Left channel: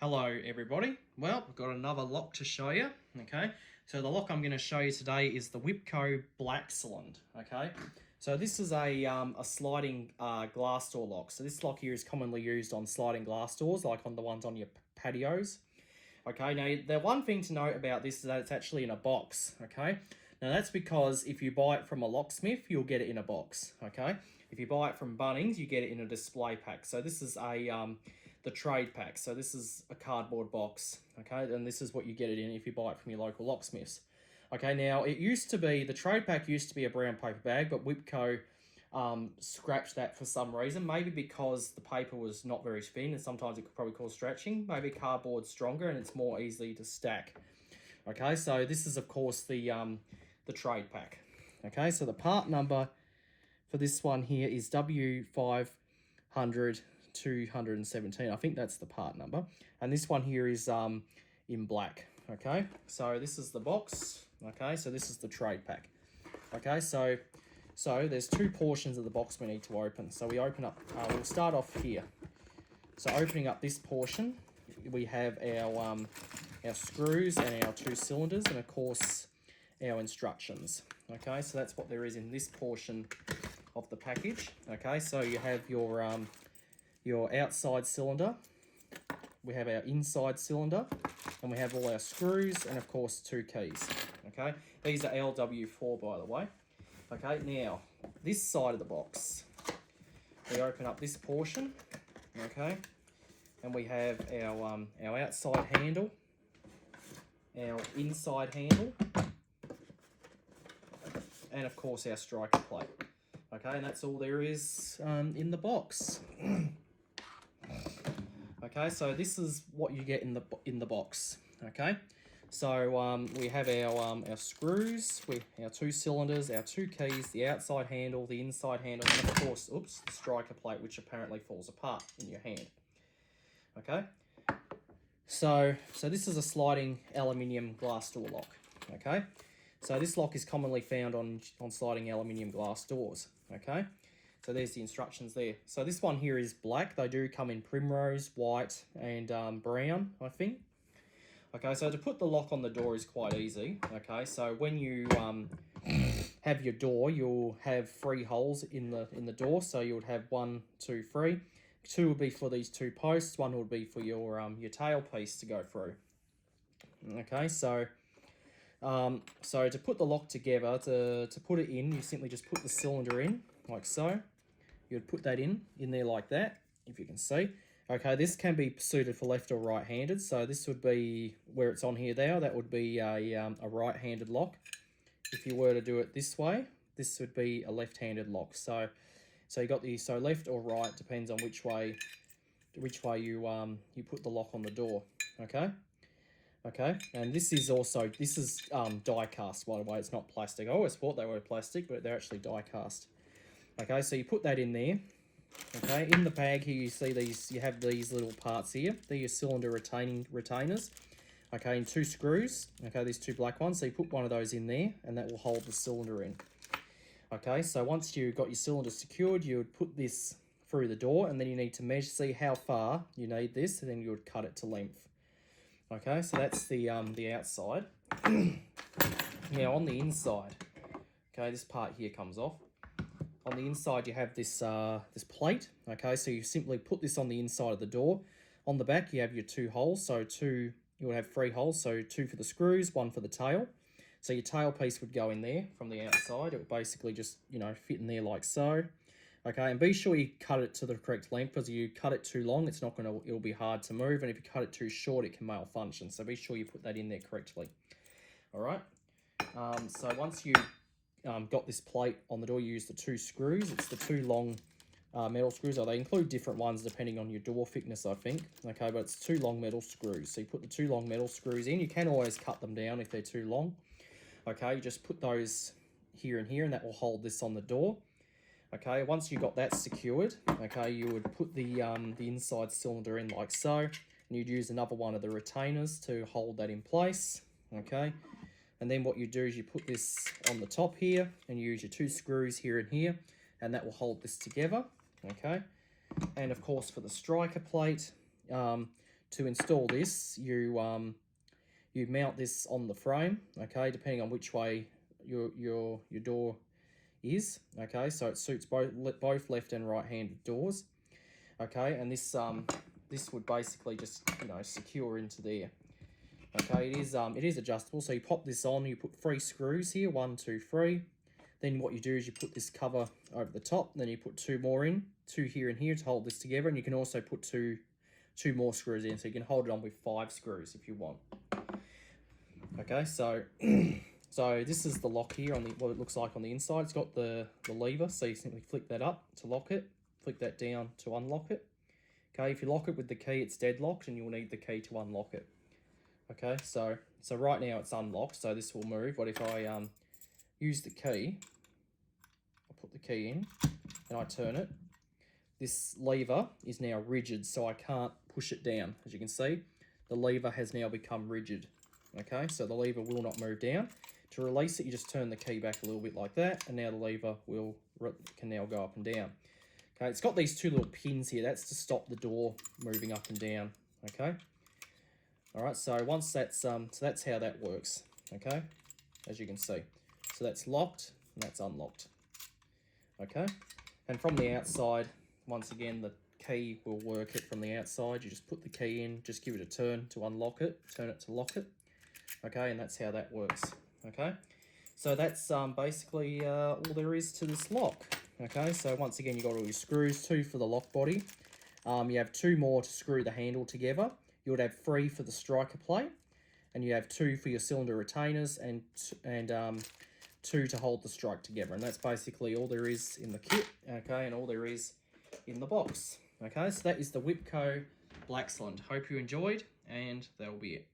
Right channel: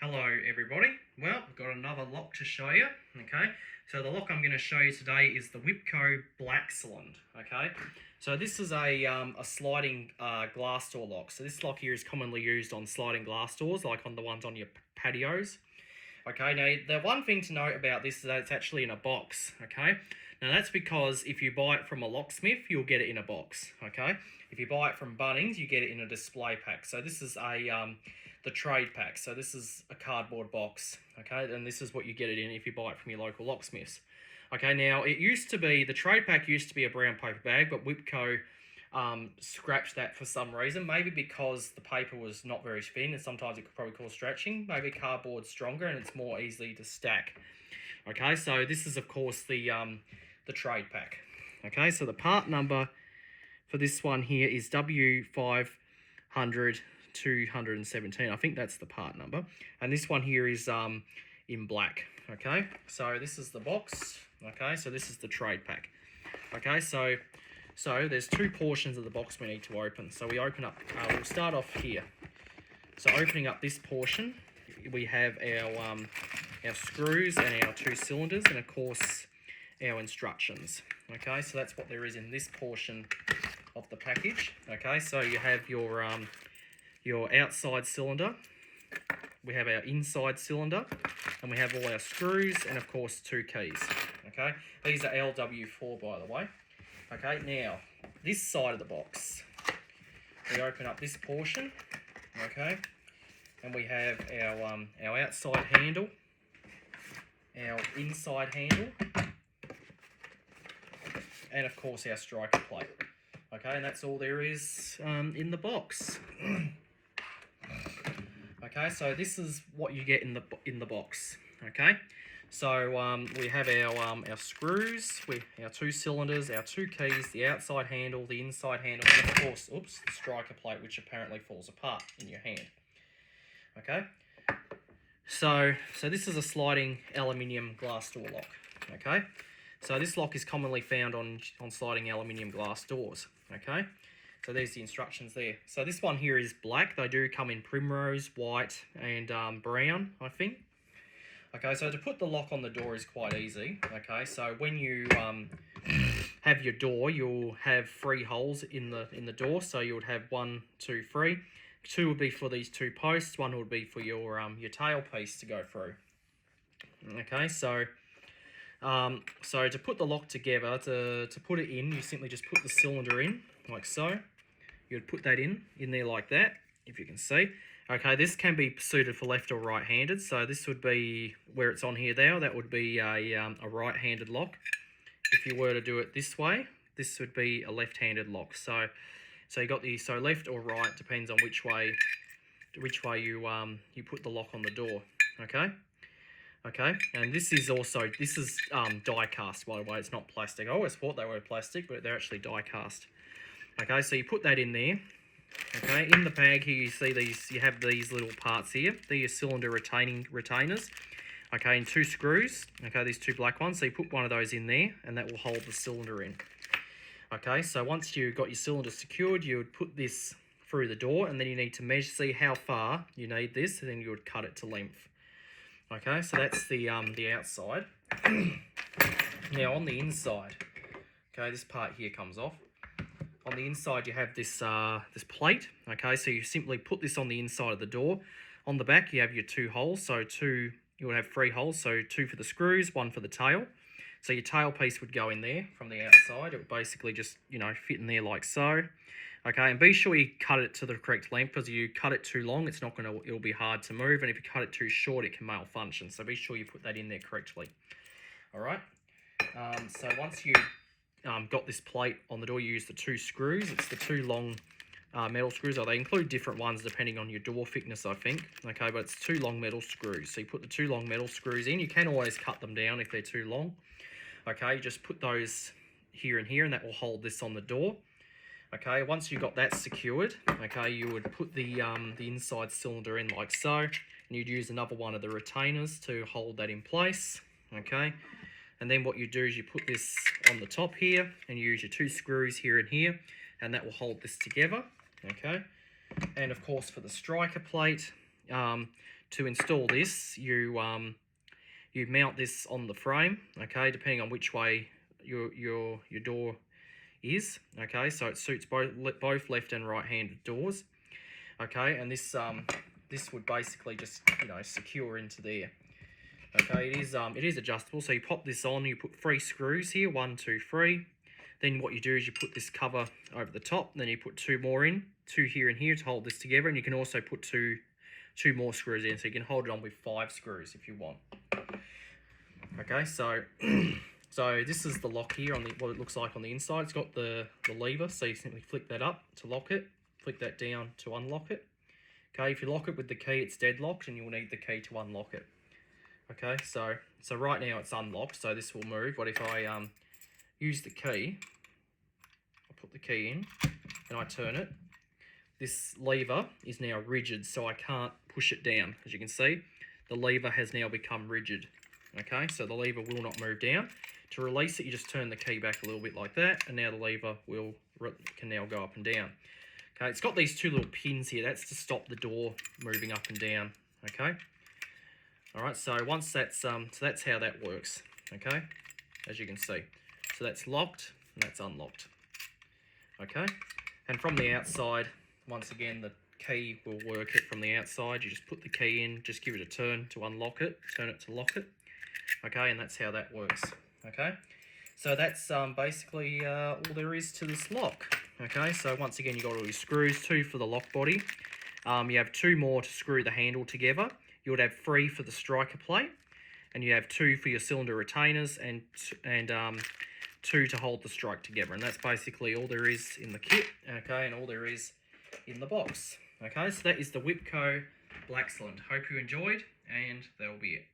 Hello everybody. Well, we've got another lock to show you. Okay, so the lock I'm going to show you today is the Whitco blaxland. Okay, so this is a sliding glass door lock. So this lock here is commonly used on sliding glass doors, like on the ones on your patios. Okay, now the one thing to note about this is that it's actually in a box. Okay, now that's because if you buy it from a locksmith, you'll get it in a box. Okay, if you buy it from Bunnings, you get it in a display pack. So this is the trade pack. So this is a cardboard box. Okay, and this is what you get it in if you buy it from your local locksmiths. Okay, now it used to be, the trade pack used to be a brown paper bag, but Whitco scratched that for some reason, maybe because the paper was not very thin and sometimes it could probably cause stretching. Maybe cardboard's stronger and it's more easily to stack. Okay, so this is of course the trade pack. Okay, so the part number for this one here is W500 217. I think that's the part number, and this one here is in black. Okay, so this is the box. Okay, so this is the trade pack. Okay, so there's two portions of the box we need to open. So we open up, we'll start off here. So opening up this portion, we have our screws and our two cylinders, and of course our instructions. Okay, so that's what there is in this portion of the package. Okay, so you have your outside cylinder, we have our inside cylinder, and we have all our screws and of course two keys. Okay, these are LW4 by the way. Okay, now this side of the box, we open up this portion. Okay, and we have our outside handle, our inside handle, and of course our striker plate. Okay, and that's all there is in the box. Okay, so this is what you get in the box. Okay, so we have our screws, our two cylinders, our two keys, the outside handle, the inside handle, and of course, oops, the striker plate, which apparently falls apart in your hand. Okay, so this is a sliding aluminium glass door lock. Okay, so this lock is commonly found on sliding aluminium glass doors. Okay, so there's the instructions there. So this one here is black. They do come in primrose, white, and brown, I think. Okay, so to put the lock on the door is quite easy. Okay, so when you have your door, you'll have 3 holes in the door. So you would have 1, 2, 3. 2 would be for these 2 posts. 1 would be for your tail piece to go through. Okay, so to put the lock together, to put it in, you simply just put the cylinder in, like so. You'd put that in there like that, if you can see. Okay, this can be suited for left or right-handed, so this would be, where it's on here there, that would be a right-handed lock. If you were to do it this way, this would be a left-handed lock. So you got so left or right, depends on which way you put the lock on the door. Okay. Okay, and this is die cast, by the way. It's not plastic. I always thought they were plastic, but they're actually die cast. Okay, so you put that in there. Okay, in the bag here you see these. You have these little parts here. They're your cylinder retainers. Okay, and 2 screws. Okay, these 2 black ones. So you put one of those in there, and that will hold the cylinder in. Okay, so once you've got your cylinder secured, you would put this through the door, and then you need to measure, see how far you need this, and then you would cut it to length. Okay, so that's the outside. Now on the inside, okay, this part here comes off. On the inside you have this plate. Okay, so you simply put this on the inside of the door. On the back you have your 2 holes, so you would have 3 holes, so 2 for the screws, 1 for the tail. So your tail piece would go in there from the outside. It would basically just, fit in there like so. Okay, and be sure you cut it to the correct length, because if you cut it too long, it'll be hard to move, and if you cut it too short, it can malfunction. So be sure you put that in there correctly. All right. So once you got this plate on the door, you use the 2 screws. It's the 2 long metal screws. They include different ones depending on your door thickness, I think. Okay, but it's 2 long metal screws. So you put the 2 long metal screws in. You can always cut them down if they're too long. Okay, you just put those here and here, and that will hold this on the door. Okay, once you got that secured, okay, you would put the inside cylinder in like so, and you'd use another one of the retainers to hold that in place. Okay, and then what you do is you put this on the top here, and you use your 2 screws here and here, and that will hold this together. Okay, and of course for the striker plate, to install this, you mount this on the frame, okay, depending on which way your door is, okay, so it suits both left and right-handed doors, okay, and this would basically just, you know, secure into there. Okay, it is adjustable, so you pop this on, you put 3 screws here, 1, 2, 3. Then what you do is you put this cover over the top, and then you put 2 more in, 2 here and here to hold this together, and you can also put two more screws in, so you can hold it on with 5 screws if you want. Okay, so so this is the lock here on the what it looks like on the inside. It's got the lever, so you simply flick that up to lock it, flick that down to unlock it. Okay, if you lock it with the key, it's deadlocked, and you will need the key to unlock it. Okay, so right now it's unlocked, so this will move. But if I use the key, I put the key in and I turn it, this lever is now rigid, so I can't push it down. As you can see, the lever has now become rigid. Okay, so the lever will not move down. To release it, you just turn the key back a little bit like that, and now the lever can now go up and down. Okay, it's got these 2 little pins here. That's to stop the door moving up and down. Okay. All right, so once that's so that's how that works, okay, as you can see. So that's locked and that's unlocked, okay, and from the outside, once again, the key will work it from the outside. You just put the key in, just give it a turn to unlock it, turn it to lock it, okay, and that's how that works, okay. So that's basically all there is to this lock, okay. So once again, you got all your screws, 2 for the lock body. You have 2 more to screw the handle together. You would have 3 for the striker plate, and you have 2 for your cylinder retainers, and 2 to hold the strike together. And that's basically all there is in the kit, okay, and all there is in the box. Okay, so that is the Whitco blaxland. Hope you enjoyed, and that will be it.